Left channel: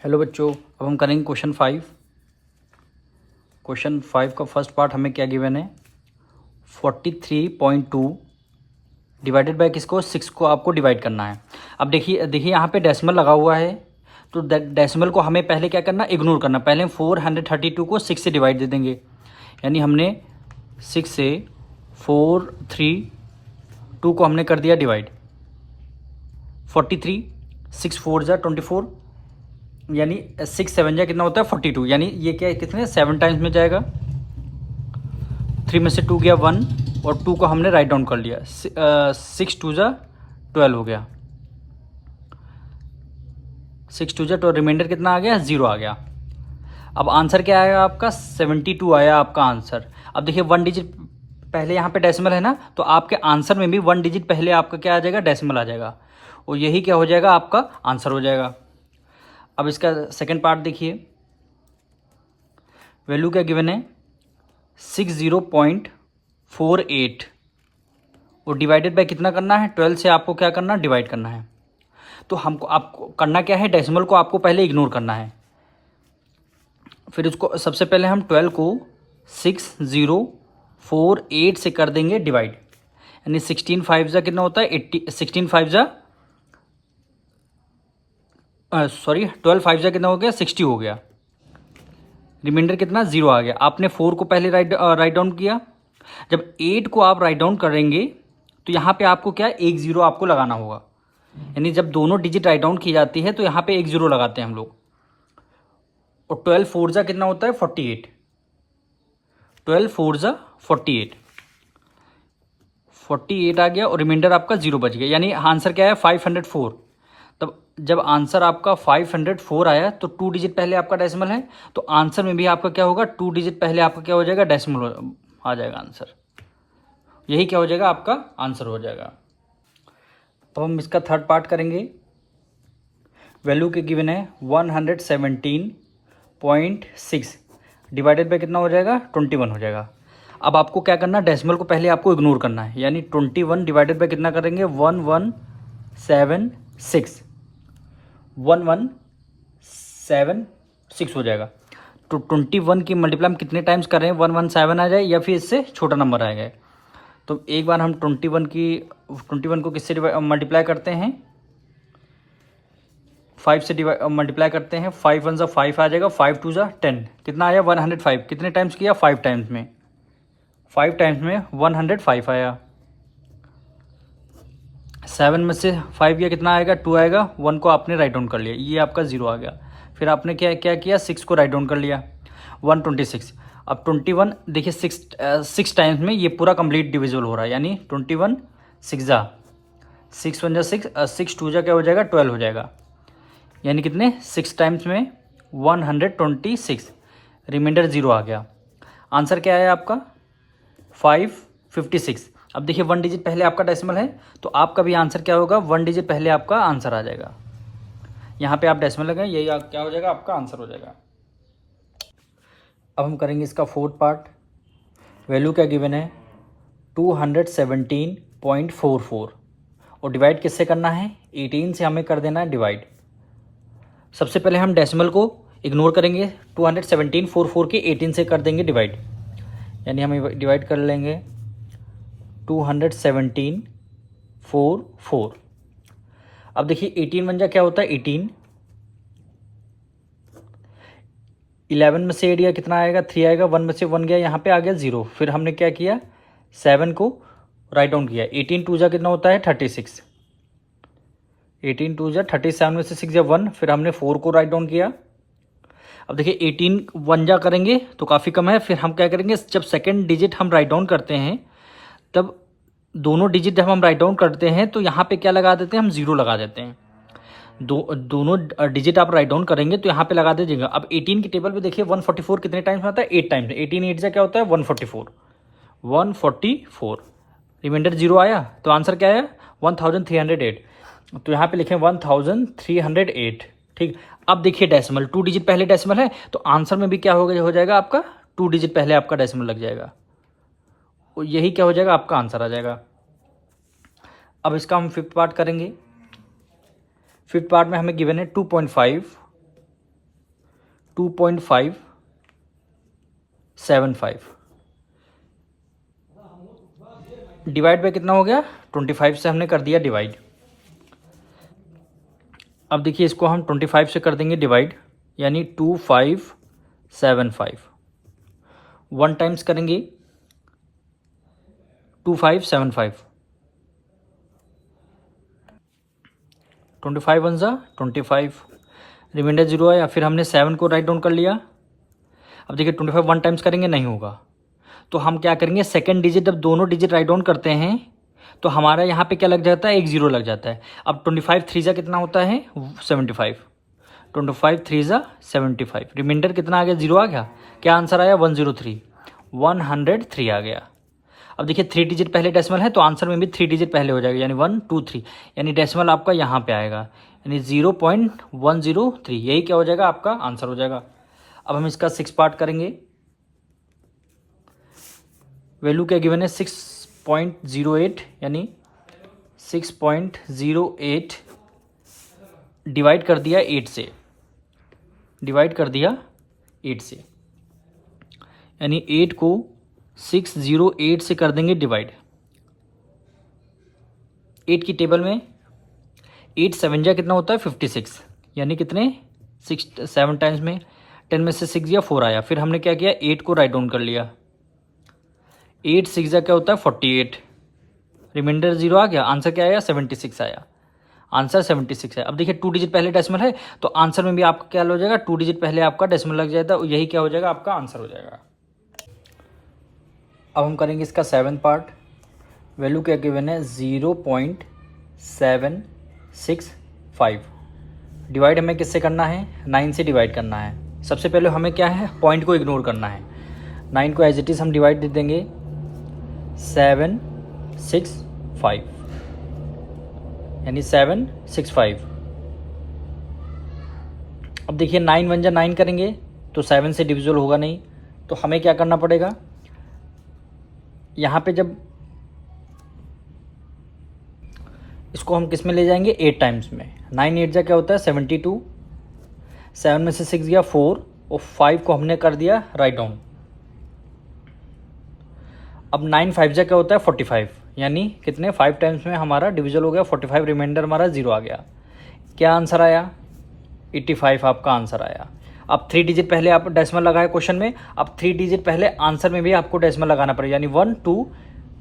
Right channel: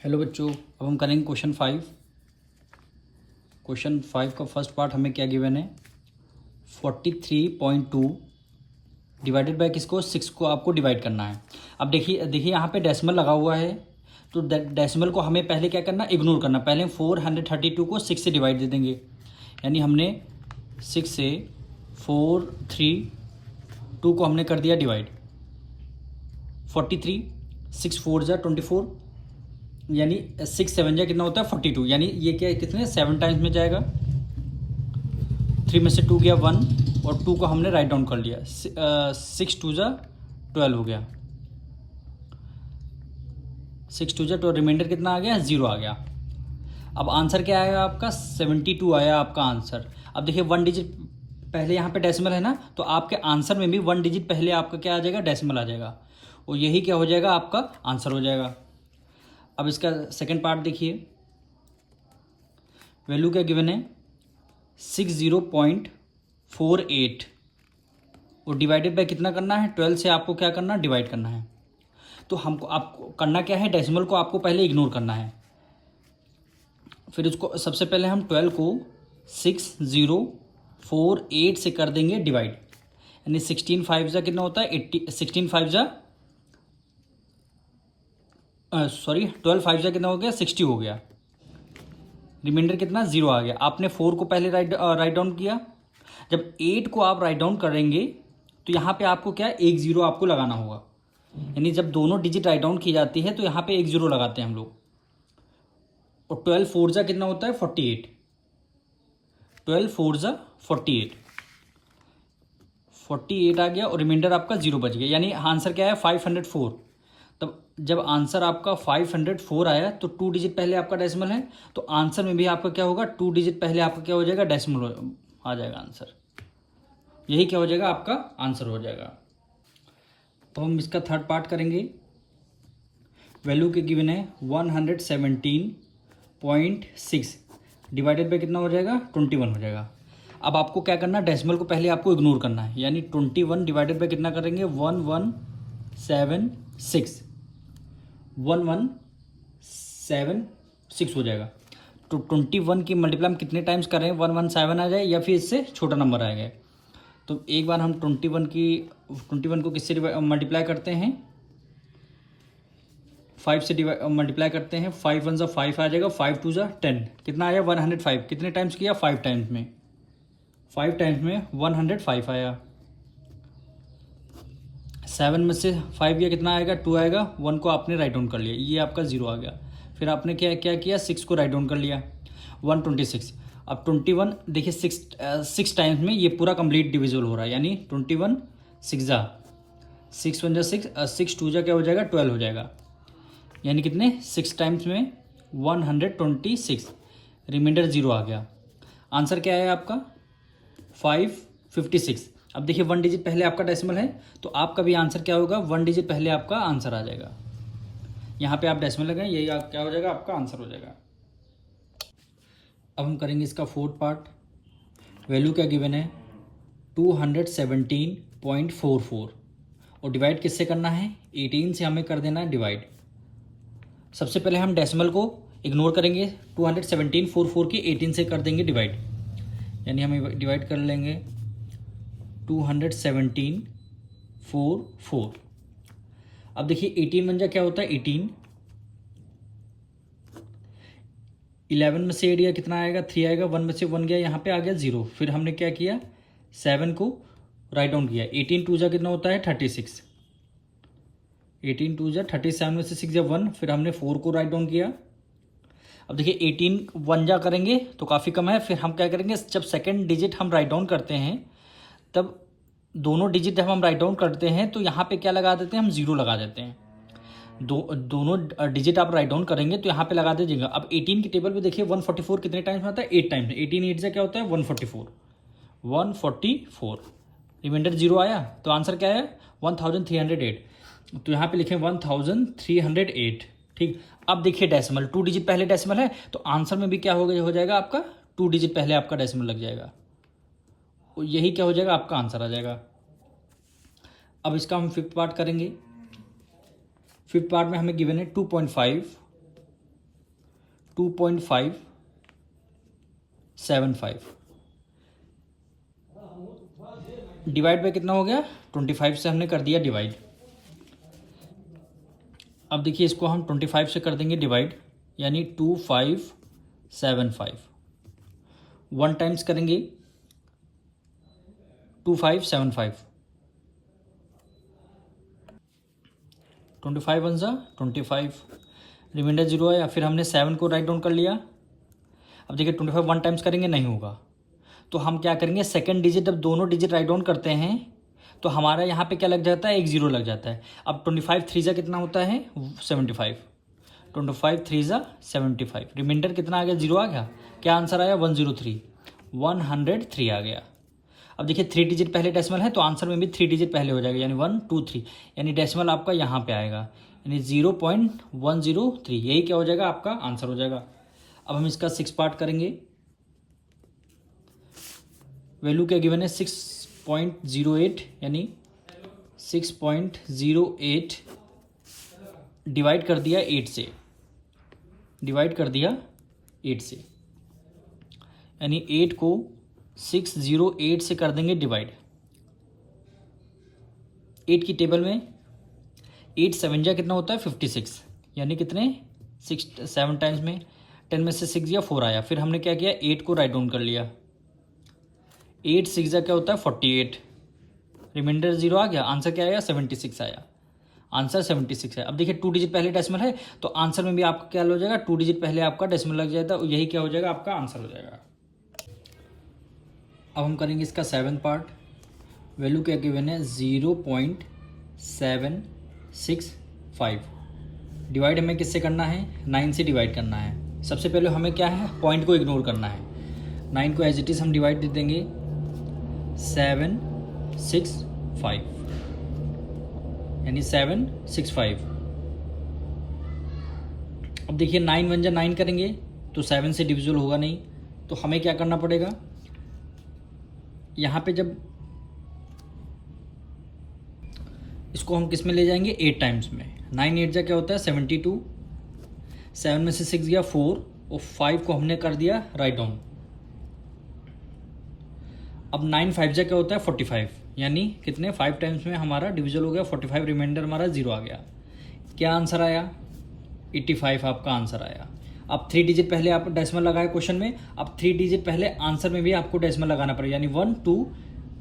Hello बच्चों, अब हम करेंगे क्वेश्चन 5। क्वेश्चन 5 का फर्स्ट पार्ट हमें क्या गिवन है, 43.2 डिवाइडेड बाय किसको, 6 को आपको डिवाइड करना है। अब देखिए यहाँ पे डेसिमल लगा हुआ है, तो डेसिमल को हमें पहले क्या करना, इग्नोर करना। पहले हम 432 को 6 से डिवाइड दे देंगे, यानी हमने 6 से 432 को हमने कर दिया डिवाइड। 43 6 4 जा 24, यानी 6 7 जा कितना होता है 42, यानी ये क्या है, कितने 7 टाइम्स में जाएगा। 3 में से 2 गया 1 और 2 को हमने राइट डाउन कर लिया। 6 2 जा 12 हो गया। 6 2 जा 12, रिमाइंडर कितना आ गया, 0 आ गया। अब आंसर क्या आएगा आपका, 72 आया आपका आंसर। अब देखिए 1 डिजिट पहले यहाँ पे डेसिमल है ना, तो आपके आंसर में भी 1 डिजिट पहले आपका क्या आ जाएगा, डेसिमल आ जाएगा, और यही क्या हो जाएगा, आपका आंसर हो जाएगा। अब इसका सेकेंड पार्ट देखिए, वैल्यू क्या गिवन है 60.48 और डिवाइडेड बाय कितना करना है, 12 से आपको क्या करना, डिवाइड करना है। तो हमको आपको करना क्या है, डेसिमल को आपको पहले इग्नोर करना है। फिर उसको सबसे पहले हम 12 को 6048 से कर देंगे डिवाइड, यानी 16 5 जा कितना होता है 80, 16 5 जा 12 5 जा कितना हो गया 60 हो गया। रिमाइंडर कितना, 0 आ गया। आपने 4 को पहले राइट डाउन किया, जब 8 को आप राइट डाउन करेंगे तो यहाँ पे आपको क्या, 1 0 आपको लगाना होगा। यानी जब दोनों डिजिट राइट डाउन की जाती है तो यहाँ पे 1 0 लगाते हैं हम लोग। और 12 4 जा कितना होता है 48, 12 4 जा 48, 48 आ गया और रिमाइंडर आपका 0 बच गया, यानी आंसर क्या है 504। तब जब आंसर आपका 504 आया तो 2 डिजिट पहले आपका डेसिमल है, तो आंसर में भी आपका क्या होगा, 2 डिजिट पहले आपका क्या हो जाएगा, डेसिमल आ जाएगा आंसर। यही क्या हो जाएगा, आपका आंसर हो जाएगा। तो हम इसका थर्ड पार्ट करेंगे। वैल्यू के गिवन है 117.6 डिवाइडेड बाय कितना हो जाएगा, 21 हो जाएगा। अब आपको क्या करना, डेसिमल को पहले आपको इग्नोर करना है, यानी 21 डिवाइडेड बाय कितना करेंगे, 1176, 1176 हो जाएगा। तो 21 की मल्टीप्लाई हम कितने टाइम्स कर रहे हैं, 117 आ जाए या फिर इससे छोटा नंबर आएगा। तो एक बार हम 21 को किससे मल्टीप्लाई करते हैं, 5 से मल्टीप्लाई करते हैं। 5 1 जा 5 आ जाएगा, 5 2 जा 10, कितना आया 105। कितने टाइम्स किया, 5 टाइम्स में, 5 टाइम्स में 105 आया। 7 में से 5 गया, कितना आएगा 2 आएगा। 1 को आपने राइट डाउन कर लिया, ये आपका 0 आ गया। फिर आपने क्या क्या किया, 6 को राइट डाउन कर लिया, 126। अब 21 देखिए 6 टाइम्स में ये पूरा कंप्लीट डिविजिबल हो रहा है, यानी 21 6 जा 6 1 जा 6, 6 2 जा क्या हो जाएगा 12 हो जाएगा, यानी कितने 6 टाइम्स में 126, रिमाइंडर 0 आ गया। आंसर क्या है आपका 556। अब देखिए 1 डिजिट पहले आपका डेसिमल है, तो आपका भी आंसर क्या होगा, 1 डिजिट पहले आपका आंसर आ जाएगा। यहाँ पे आप डेसिमल लगाएं, यही क्या हो जाएगा, आपका आंसर हो जाएगा। अब हम करेंगे इसका फोर्थ पार्ट। वैल्यू क्या गिवन है 217.44 और डिवाइड किससे करना है, 18 से हमें कर देना है डिवाइड। सबसे पहले हम डेसिमल को इग्नोर करेंगे, 217.44 के 18 से कर देंगे डिवाइड, यानी हम डिवाइड कर लेंगे 217.44। अब देखिए 18 1 जा क्या होता है 18, 11 में से 8 गया कितना आएगा 3 आएगा, 1 में से 1 गया, यहाँ पे आ गया 0। फिर हमने क्या किया 7 को राइट डाउन किया, 18 2 जा कितना होता है 36, 18 2 जा 37 में से 6 जा 1, फिर हमने 4 को राइट डाउन किया। अब देखिए 18 1 जा करेंगे तो काफ़ी कम है, फिर हम क्या करेंगे, जब सेकेंड डिजिट हम राइट डाउन करते हैं तब दोनों डिजिट जब हम राइट डाउन करते हैं तो यहाँ पे क्या लगा देते हैं, हम 0 लगा देते हैं। दोनों डिजिट आप राइट डाउन करेंगे तो यहाँ पे लगा दीजिएगा। अब 18 की टेबल पे देखिए 144 कितने टाइम्स में आता है, 8 टाइम्स। 18 8 जा क्या होता है 144, 144, रिमाइंडर 0 आया, तो आंसर क्या है 1308। तो यहाँ पे लिखें 1308, ठीक। अब देखिए डेसिमल 2 डिजिट पहले डेसिमल है, तो आंसर में भी क्या हो जाएगा आपका 2 डिजिट पहले आपका डेसिमल लग जाएगा, और यही क्या हो जाएगा, आपका आंसर आ जाएगा। अब इसका हम फिफ्थ पार्ट करेंगे। फिफ्थ पार्ट में हमें गिवन है 2.5 2.575 डिवाइड बाय कितना हो गया, 25 से हमने कर दिया डिवाइड। अब देखिए इसको हम 25 से कर देंगे डिवाइड, यानी 2575। 1 टाइम्स करेंगे 2575, 25 1 ज़ा 25, रिमाइंडर 0 आया। फिर हमने 7 को राइट डाउन कर लिया। अब देखिए 25 1 टाइम्स करेंगे नहीं होगा, तो हम क्या करेंगे, सेकंड डिजिट जब दोनों डिजिट राइट डाउन करते हैं तो हमारा यहाँ पे क्या लग जाता है, एक जीरो लग जाता है। अब 25 3 ज़ा कितना होता है, 75, 25 3 ज़ा 75, रिमाइंडर कितना आ गया, 0 आ गया। क्या आंसर आया, 103, 103 आ गया। अब देखिए 3 डिजिट पहले डेसिमल है तो आंसर में भी 3 डिजिट पहले हो जाएगा, यानी 1 2 3, यानी डेसिमल आपका यहाँ पे आएगा, यानी 0.103, यही क्या हो जाएगा, आपका आंसर हो जाएगा। अब हम इसका 6 पार्ट करेंगे। वैल्यू क्या गिवन है, 6.08, यानी 6.08 डिवाइड कर दिया 8 से, डिवाइड कर दिया 8 से, यानी 8 को 608 से कर देंगे डिवाइड। 8 की टेबल में 8 7 जा कितना होता है, 56, यानी कितने 7 टाइम्स में 10 में से 6 गया 4 आया। फिर हमने क्या किया, 8 को राइट डाउन कर लिया। 8 6 जा क्या होता है, 48, रिमाइंडर 0 आ गया। आंसर क्या आया, 76 आया, आंसर 76 है। अब देखिए 2 डिजिट पहले डेसिमल है तो आंसर में भी आपका क्या हो जाएगा, 2 डिजिट पहले आपका डेसिमल लग जाएगा, यही क्या हो जाएगा, आपका आंसर हो जाएगा। अब हम करेंगे इसका 7 पार्ट। वैल्यू क्या गिवन है, 0.765। डिवाइड हमें किससे करना है, 9 से डिवाइड करना है। सबसे पहले हमें क्या है, पॉइंट को इग्नोर करना है। 9 को एज इट इज़ हम डिवाइड दे देंगे 765, यानी 765। अब देखिए 9 1 जा 9 करेंगे तो 7 से डिविजिबल होगा नहीं, तो हमें क्या करना पड़ेगा, यहाँ पे जब इसको हम किस में ले जाएंगे, 8 टाइम्स में। 9 8 जा क्या होता है, 72, 7 में से 6 गया 4, और 5 को हमने कर दिया राइट डाउन। अब 9 5 जा क्या होता है, 45, यानी कितने 5 टाइम्स में हमारा डिविजल हो गया 45, रिमाइंडर हमारा 0 आ गया। क्या आंसर आया, 85 आपका आंसर आया। अब 3 डिजिट पहले आप डेसिमल लगाए क्वेश्चन में, अब 3 डिजिट पहले आंसर में भी आपको डेसिमल लगाना पड़ेगा, यानी 1 2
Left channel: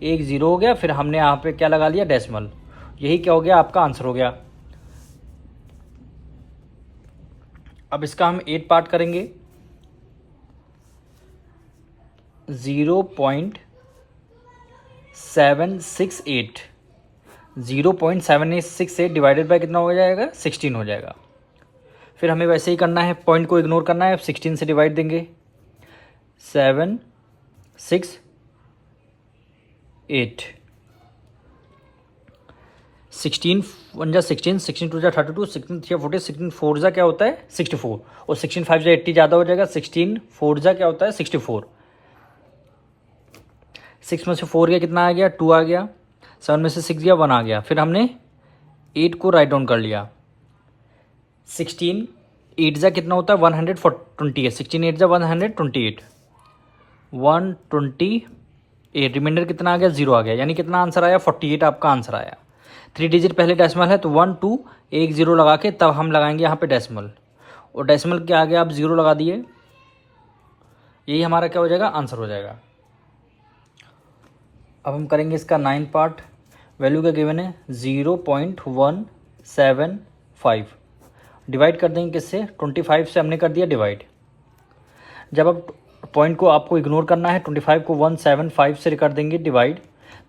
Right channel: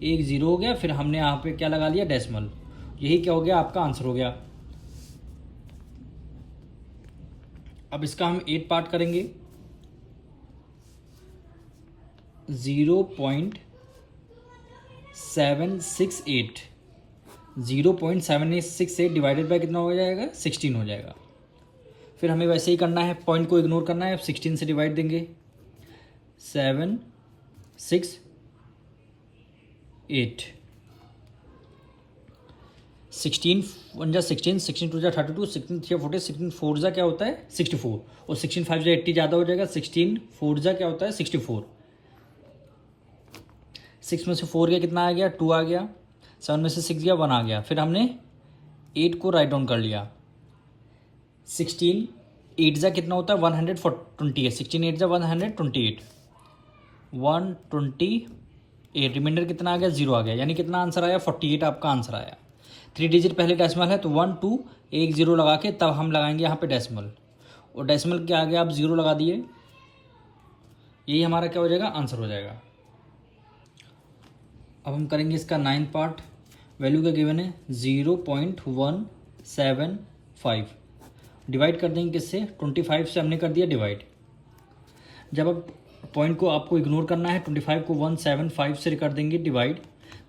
1 0 हो गया। फिर हमने यहाँ पे क्या लगा लिया, डेसिमल, यही क्या हो गया, आपका आंसर हो गया। अब इसका हम 8 पार्ट करेंगे। 0.768, 0.768 डिवाइडेड बाय कितना हो जाएगा, 16 हो जाएगा। फिर हमें वैसे ही करना है, पॉइंट को इग्नोर करना है। 16 से डिवाइड देंगे, 7 6 8, 16 1 जा 16, 16 2 जा 32, 16 3 40, 16 4 जा क्या होता है, 64, और 16 5 जा 80 ज़्यादा हो जाएगा। 16 4 जा क्या होता है, 64। 6 में से 4 गया कितना आ गया, 2 आ गया। 7 में से 6 गया 1 आ गया। फिर हमने 8 को राइट डाउन कर लिया। 16 8 जा कितना होता है, 128, 16 8 जा 128, 128, रिमाइंडर कितना आ गया, 0 आ गया, यानी कितना आंसर आया, 48 आपका आंसर आया। 3 डिजिट पहले डेसिमल है तो 1 2 1 0 लगा के तब हम लगाएंगे यहाँ पे डेसिमल, और डेसिमल के आगे आप 0 लगा दिए, यही हमारा क्या हो जाएगा, आंसर हो जाएगा। अब हम करेंगे इसका 9 पार्ट। वैल्यू क्या गिवन है, 0.175, डिवाइड कर देंगे किससे, 25 से हमने कर दिया डिवाइड। जब अब पॉइंट को आपको इग्नोर करना है, 25 को 175 से कर देंगे डिवाइड,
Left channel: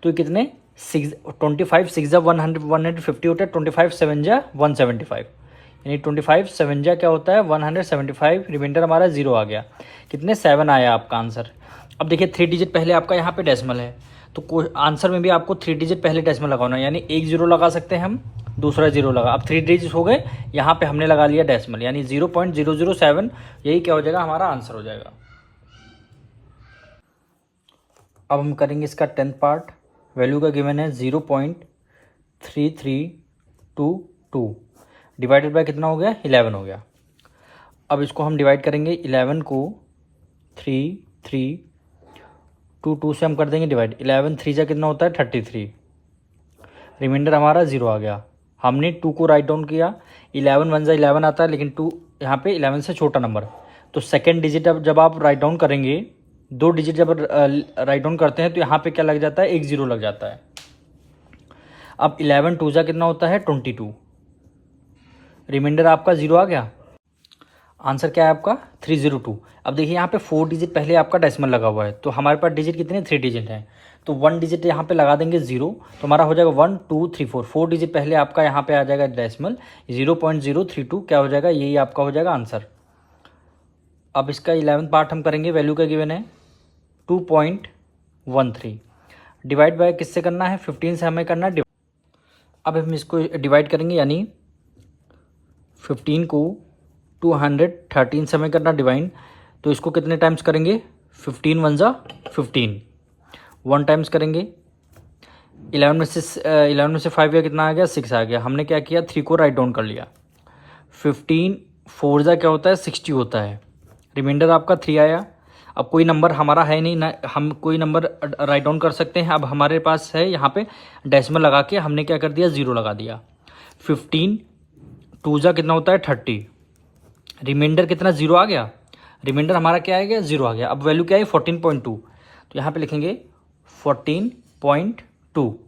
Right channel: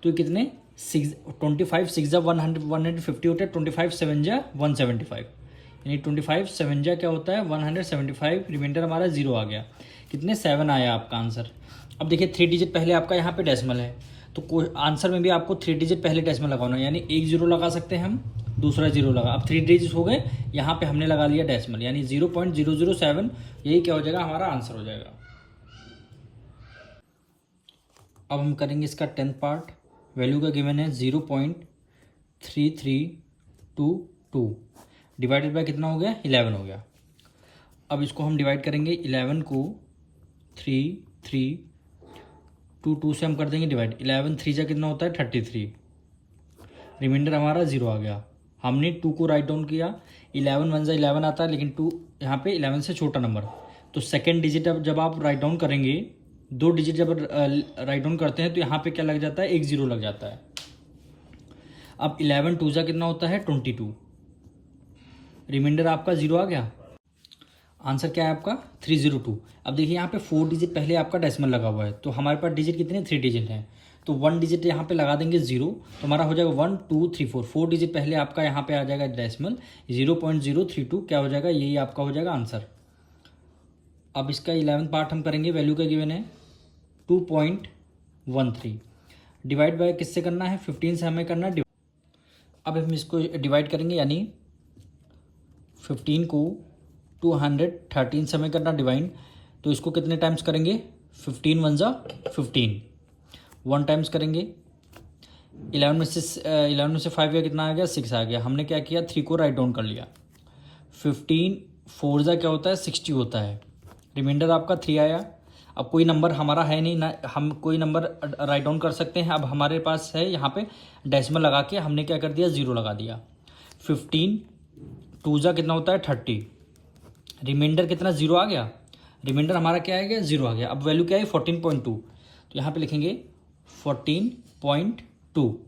तो ये कितने 6, 25 6 जा 150 होता है, 25 7 जा 175, यानी 25 7 जा क्या होता है, 175, रिमाइंडर हमारा 0 आ गया। कितने 7 आया आपका आंसर। अब देखिए 3 डिजिट पहले आपका यहाँ पे डेसिमल है, तो आंसर में भी आपको 3 डिजिट पहले डेसिमल लगाना है, यानी 1 0 लगा सकते हैं हम, दूसरा 0 लगा। अब 3 डिजिट हो गए, यहाँ पे हमने लगा लिया डेसिमल, यानी 0.007, यही क्या हो जाएगा, हमारा आंसर हो जाएगा। अब हम करेंगे इसका 10th पार्ट। वैल्यू का गिवन है 0.3322, डिवाइडेड बाय कितना हो गया, 11 हो गया। अब इसको हम डिवाइड करेंगे 11 को 3 3 2 2 से हम कर देंगे डिवाइड। 11 3 जा कितना होता है 33, रिमाइंडर हमारा 0 आ गया। हमने 2 को राइट डाउन किया, 11 1 जा 11 आता है, लेकिन 2 यहाँ पे 11 से छोटा नंबर, तो सेकेंड डिजिट अब जब आप राइट डाउन करेंगे, 2 डिजिट जब राइट डाउन करते हैं तो यहाँ पे क्या लग जाता है, एक 0 लग जाता है। अब 11 2 जा कितना होता है 22, रिमाइंडर आपका 0 आ गया। आंसर क्या है आपका 302। अब देखिए यहाँ पे 4 डिजिट पहले आपका डेसिमल लगा हुआ है, तो हमारे पास डिजिट कितने 3 डिजिट हैं, तो 1 डिजिट यहाँ पे लगा देंगे 0, तो हमारा हो जाएगा 1 2 3 4। 4 डिजिट पहले आपका यहाँ पे आ जाएगा डेसिमल 0.032, क्या हो जाएगा, यही आपका हो जाएगा आंसर। अब इसका 11th पार्ट हम करेंगे, वैल्यू का गिवन है 2.13, डिवाइड बाय किससे करना है, 15 से हमें करना है। अब हम इसको डिवाइड करेंगे, यानी 15 को 213 से हमें करना डिवाइड, तो इसको कितने टाइम्स करेंगे, 15 1 जा 15, 1 टाइम्स करेंगे। 11 में से 5 गया, कितना आ गया 6 आ गया। हमने क्या किया, 3 को राइट डाउन कर लिया। 15 4 जा क्या होता है 60 होता है, रिमाइंडर आपका 3 आया। अब कोई नंबर हमारा है नहीं ना, हम कोई नंबर राइट डाउन कर सकते हैं। अब हमारे पास है यहाँ पे डेसिमल लगा के हमने क्या कर दिया, 0 लगा दिया। 15 2 जा कितना होता है 30, रिमाइंडर कितना 0 आ गया, रिमाइंडर हमारा क्या आ गया 0 आ गया। अब वैल्यू क्या है 14.2, तो यहाँ पे लिखेंगे 14.2,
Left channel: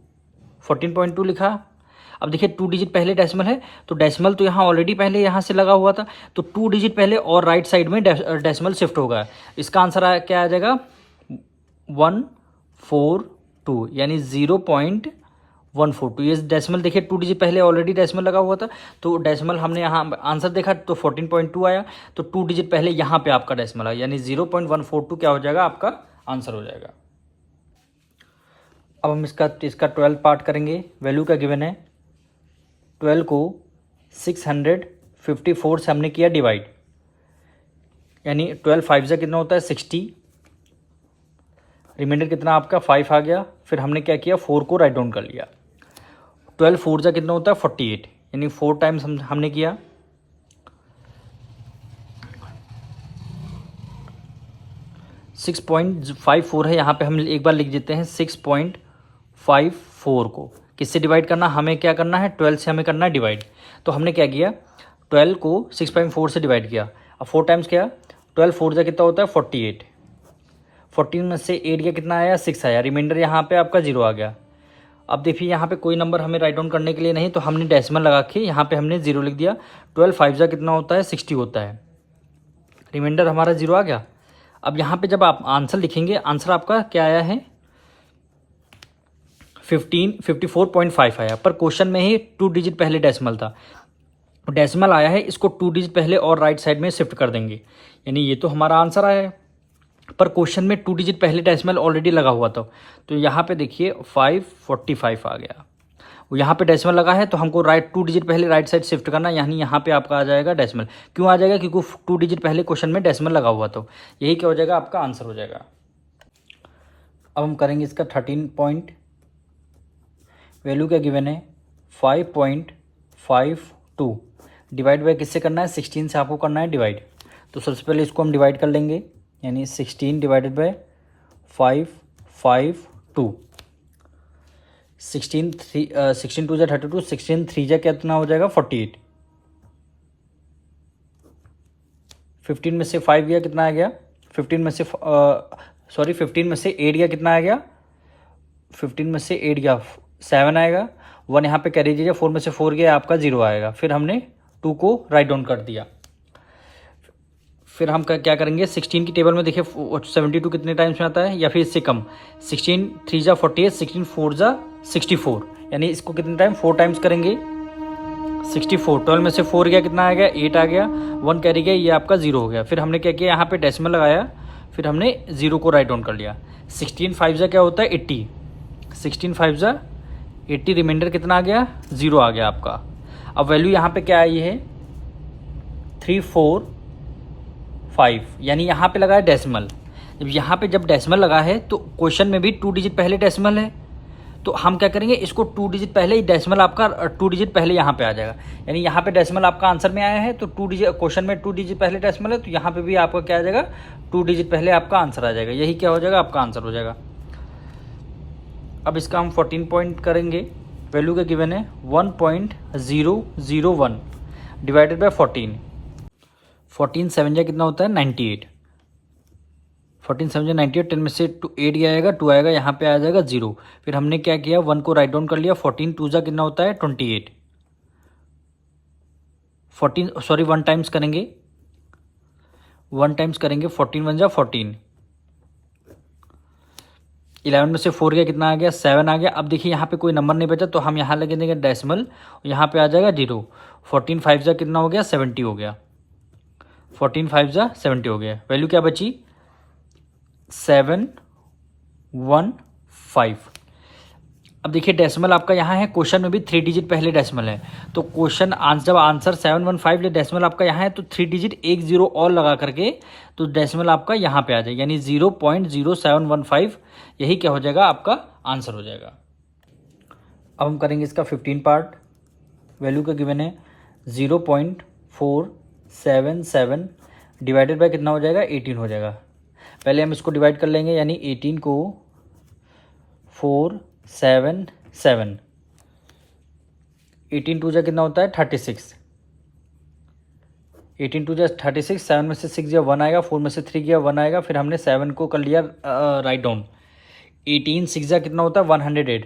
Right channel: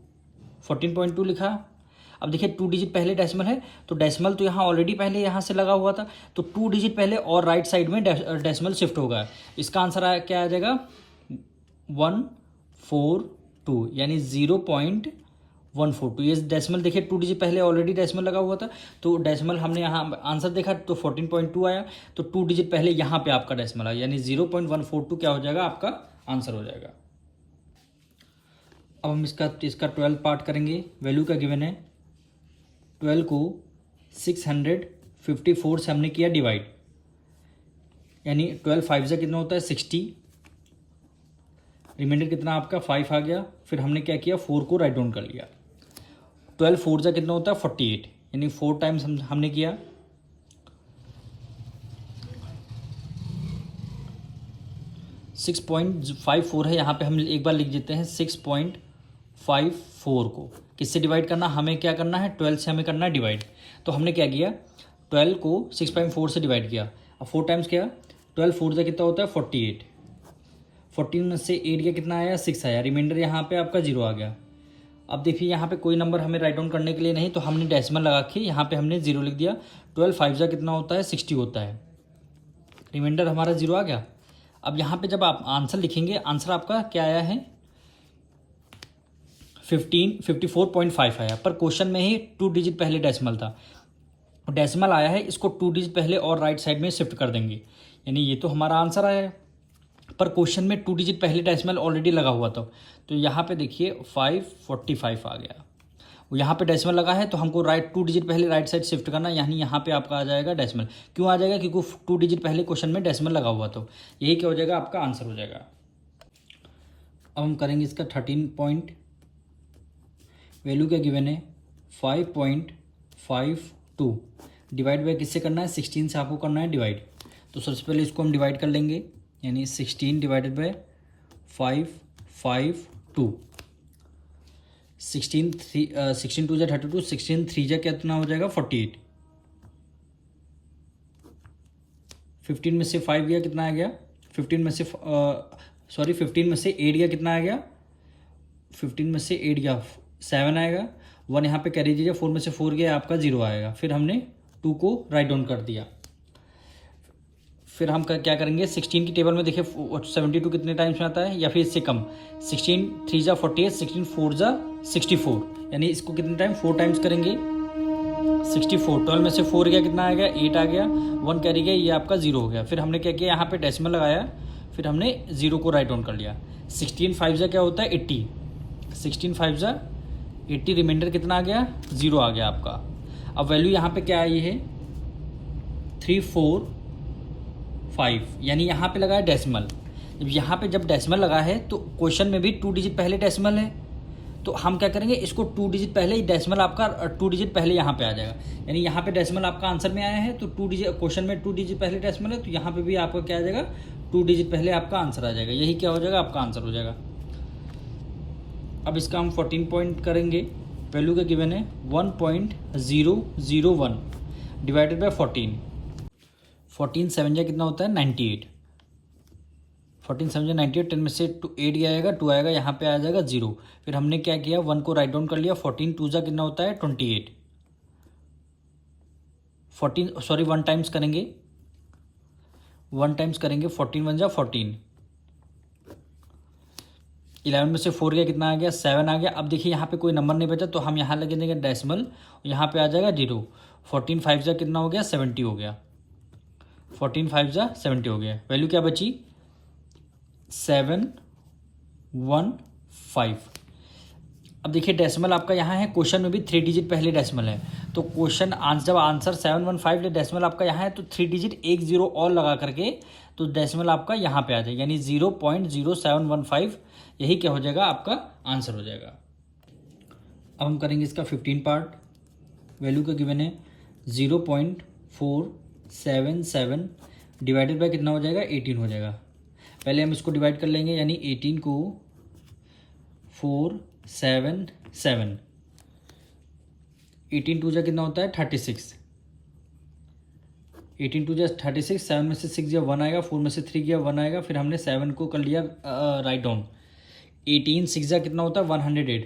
14.2 लिखा। अब देखिए 2 डिजिट पहले डेसिमल है, तो डेसिमल तो यहाँ ऑलरेडी पहले यहाँ से लगा हुआ था, तो 2 डिजिट पहले और राइट साइड में डेसिमल शिफ्ट होगा। इसका आंसर क्या आ जाएगा 142, यानी 0.142। ये डेसिमल देखिए 2 डिजिट पहले ऑलरेडी डेसिमल लगा हुआ था, तो डेसिमल हमने यहाँ आंसर देखा तो 14.2 आया, तो 2 डिजिट पहले यहाँ पे आपका डेसिमल आया, यानी 0.142 क्या हो जाएगा, आपका आंसर हो जाएगा। अब हम इसका 12 पार्ट करेंगे, वैल्यू का गिवन है 12 को 654 से हमने किया डिवाइड, यानी 12 5 से कितना होता है 60, रिमाइंडर कितना आपका 5 आ गया। फिर हमने क्या किया 4 को राइट डाउन कर लिया। 12 4 जा कितना होता है 48, यानी 4 टाइम्स हमने किया। सिक्स 6.54 है, यहाँ पे हम एक बार लिख देते हैं 6.54 को किससे डिवाइड करना, हमें क्या करना है 12 से हमें करना है डिवाइड। तो हमने क्या किया 12 को 6.4 से डिवाइड किया, अब 4 टाइम्स किया, 12 4 जा कितना होता है 48, 14 में से 8 गया कितना आया 6 आया, रिमाइंडर यहाँ पे आपका 0 आ गया। अब देखिए यहाँ पे कोई नंबर हमें राइट डाउन करने के लिए नहीं, तो हमने डेसिमल लगा के यहाँ पे हमने 0 लिख दिया। 12 5 जा कितना होता है 60 होता है, रिमाइंडर हमारा 0 आ गया। अब यहाँ पे जब आप आंसर लिखेंगे, आंसर आपका क्या आया है 54.5 आया, पर क्वेश्चन में ही 2 डिजिट पहले डेसिमल था, डेसिमल आया है, इसको 2 डिजिट पहले और राइट साइड में शिफ्ट कर देंगे, यानी ये तो हमारा आंसर आया है। पर क्वेश्चन में 2 डिजिट पहले डेसिमल ऑलरेडी लगा हुआ था, तो यहाँ पे देखिए 545 आ गया। वो यहाँ पे डेसिमल लगा है, तो हमको 2 डिजिट पहले राइट साइड शिफ्ट करना, यानी यहाँ पे आपका आ जाएगा डेसिमल। क्यों आ जाएगा, क्योंकि 2 डिजिट पहले क्वेश्चन में डेसिमल लगा हुआ, तो यही क्या हो जाएगा, आपका आंसर हो जाएगा। अब हम करेंगे इसका 13 पॉइंट, वैल्यू क्या गिवन है 5.52, डिवाइड बाय किससे करना है 16 से आपको करना है डिवाइड। तो सबसे पहले इसको हम डिवाइड कर लेंगे, यानी 16 डिवाइडेड बाय 552, 16 2 जा 32, 16 3 जा कितना हो जाएगा 48, 15 में से 5 गया कितना आ गया, 15 में से 8 गया कितना आ गया, 15 में से 8 गया 7 आएगा, 1 यहाँ पे कैरी दीजिए, 4 में से 4 गया आपका 0 आएगा। फिर हमने 2 को राइट डाउन कर दिया। फिर हम क्या करेंगे 16 की टेबल में देखिए 72 कितने टाइम्स में आता है, या फिर इससे कम, 16 3 जा 48, 16 4 जा 64, यानी इसको कितने टाइम 4 टाइम्स करेंगे 64। 12 में से 4 गया कितना आ गया 8 आ गया, 1 कैरी गया, ये आपका 0 हो गया। फिर हमने क्या किया यहाँ पे डेसिमल लगाया, फिर हमने 0 को राइट डाउन कर लिया। 16 5 जा क्या होता है 80, 16 5 जा 80, रिमाइंडर कितना आ गया 0 आ गया आपका। अब वैल्यू यहाँ पे क्या आई है 345, यानी यहाँ पे लगा है डेसिमल। जब यहाँ पे जब डेसिमल लगा है, तो क्वेश्चन में भी 2 डिजिट पहले डेसिमल है, तो हम क्या करेंगे, इसको 2 डिजिट पहले ही डेसिमल आपका 2 डिजिट पहले यहाँ पे आ जाएगा, यानी यहाँ पे डेसिमल आपका आंसर में आया है तो 2 डिजिट, क्वेश्चन में 2 डिजिट पहले डेसिमल है तो यहाँ पे भी आपका क्या आ जाएगा, 2 डिजिट पहले आपका आंसर आ जाएगा। यही क्या हो जाएगा, आपका आंसर हो जाएगा। अब इसका हम 14 पॉइंट करेंगे। वैल्यू का गिवन है 1.001 डिवाइडेड बाय 14। 14 7 जा कितना होता है, 98। 14 7 जा 98, 10 में से 8 गया आएगा, 2 आएगा, यहाँ पे आ जाएगा 0। फिर हमने क्या किया, 1 को राइट डाउन कर लिया। 14 2 जा कितना होता है, 28। 1 टाइम्स करेंगे, 1 टाइम्स करेंगे, 14 1 जा 14। 11 में से 4 गया, कितना आ गया, 7 आ गया। अब देखिए यहाँ पे कोई नंबर नहीं बचा तो हम यहाँ लगे देंगे डेसिमल, यहाँ पे आ जाएगा 0। 14 5 जा कितना हो गया, 70 हो गया। 14 5 जा 70 हो गया। वैल्यू क्या बची, 715। अब देखिए डेसिमल आपका यहाँ है, क्वेश्चन में भी 3 डिजिट पहले डेसिमल है, तो क्वेश्चन आंसर, जब आंसर 715 ले डेसिमल आपका यहाँ है तो 3 डिजिट एक 0 और लगा करके तो डेसिमल आपका यहाँ पे आ जाएगा, यानी 0.0715। यही क्या हो जाएगा, आपका आंसर हो जाएगा। अब हम करेंगे इसका 15 पार्ट। वैल्यू का गिवन है 0.477 डिवाइडेड बाय कितना हो जाएगा, 18 हो जाएगा। पहले हम इसको डिवाइड कर लेंगे, यानी 18 को 4 7 7, 18 2 जा कितना होता है, 36। 18 2 जा 36, 7 में से 6 गया 1 आएगा, 4 में से 3 गया 1 आएगा। फिर हमने 7 को कर लिया राइट डाउन। 18 6 जा कितना होता है, 108।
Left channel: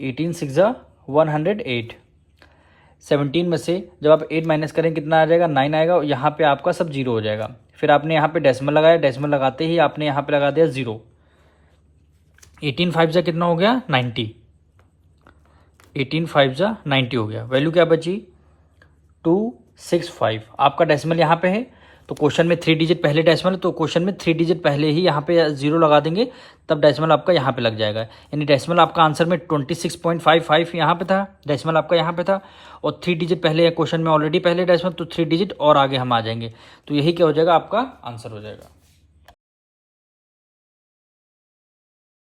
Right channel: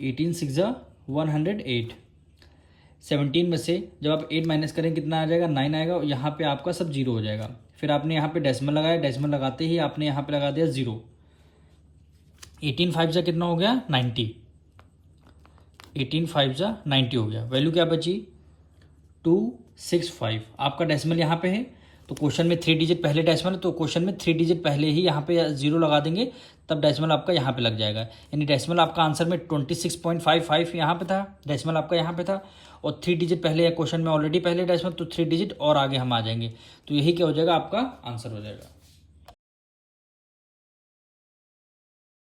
18 6 जा 108। 17 में से जब आप 8 माइनस करें कितना आ जाएगा, 9 आएगा। यहाँ पे आपका सब 0 हो जाएगा। फिर आपने यहाँ पे डेसिमल लगाया, डेसिमल लगाते ही आपने यहाँ पे लगा दिया 0। 18 5 जा कितना हो गया, 90। 18 5 जा 90 हो गया। वैल्यू क्या बची, 265। आपका डेसिमल यहाँ पे है तो क्वेश्चन में 3 डिजिट पहले डेसिमल, तो क्वेश्चन में 3 डिजिट पहले ही यहाँ पे 0 लगा देंगे, तब डेसिमल आपका यहाँ पे लग जाएगा। यानी डेसिमल आपका आंसर में 26.55 यहाँ पे था, डेसिमल आपका यहाँ पे था, और 3 डिजिट पहले है क्वेश्चन में ऑलरेडी पहले डेसिमल, तो 3 डिजिट और आगे हम आ जाएंगे, तो यही क्या हो जाएगा, आपका आंसर हो जाएगा।